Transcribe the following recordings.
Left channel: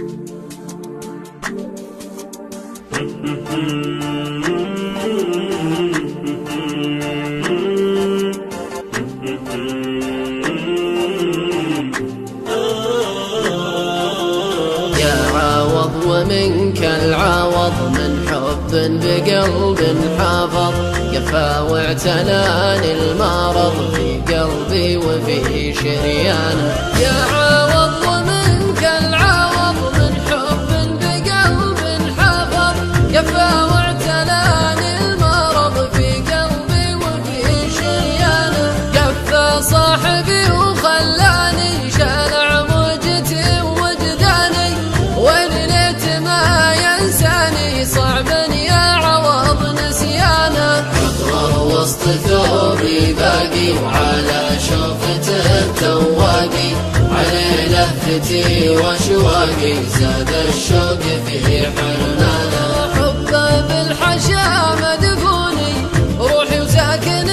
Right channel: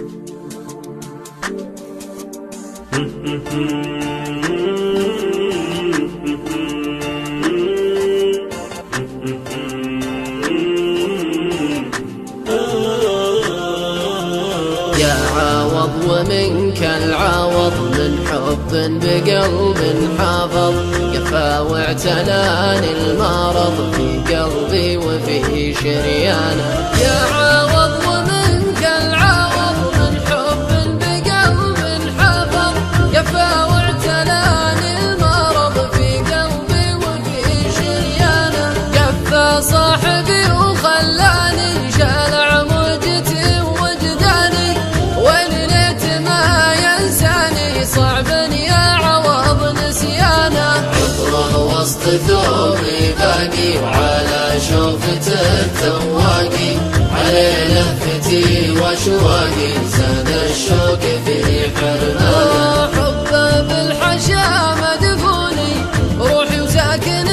يا عوض ومنك العوض، من حب بقلب حافظ، قفا واعتلاني المرض في قلبي وفي شريانه. يا عوض ومنك العوض، من حب بقلب حافظ، قفا واعتلاني المرض في قلبي وفي شريانه. قفا صاحبي وخلاني شالع موجتي ووجداني، وين ليت ما ينساني صعب يا عوض نسيانه. حفر وسط ثوبي باقي، وعلى شوفته تواقي، عليه لهفتي واشواقي، زاد الشوق في حرمانه. حبه بالحشا مدفوني، روحي وساكن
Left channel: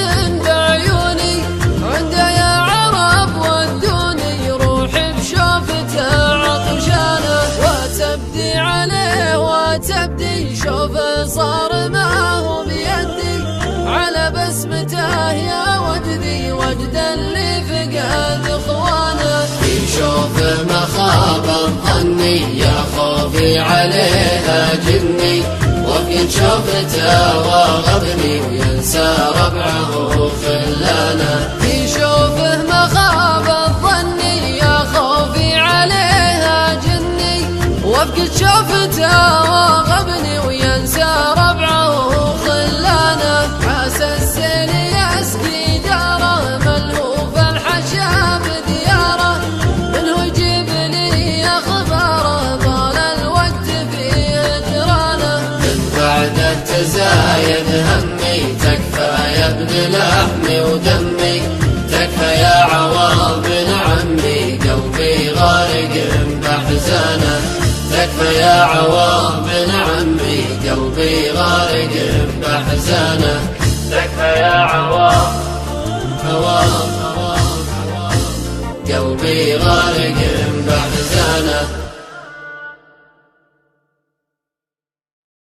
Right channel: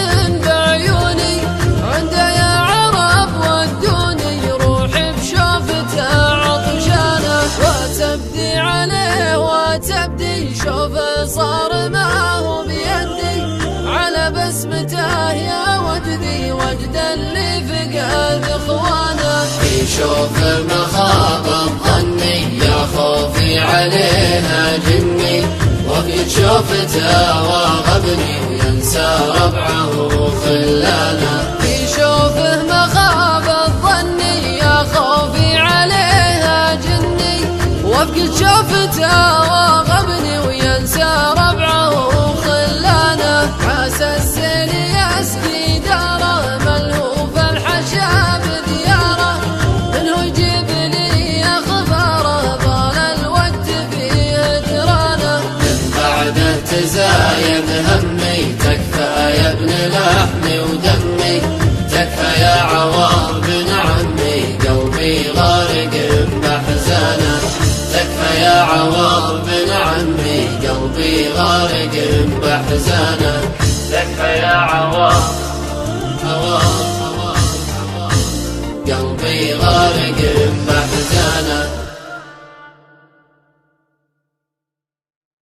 بعيوني، عنده يا عرب ودوني، روحي بشوفته عطشانه. وتبدي عليه وتبدي، شوفه صار ما هو بيدي، على بسمته يا وجدي، وجد اللي فقد اخوانه. في شوفه مخاض ظني، يا خوفي عليها جني، وفي شوفته واغبني، وينسى ربعه وخلانه. في شوفه مخاض ظني، يا خوفي عليها جني، وفقد شوفته واغبني، وينسى ربعه وخلانه. عسى السيل يسقي داره، ملهوف الحشا بدياره، منه يجيب لي اخباره، طال الوقت في هجرانه. من بعده تزايد همي، تكفى يا ابن لحمي ودمي، تكفى يا عوض بن عمي، قلبي غارق بأحزانه. تكفى يا عوض بن عمي، قلبي غارق بأحزانه. تكفى يا عوض، قلبي غارق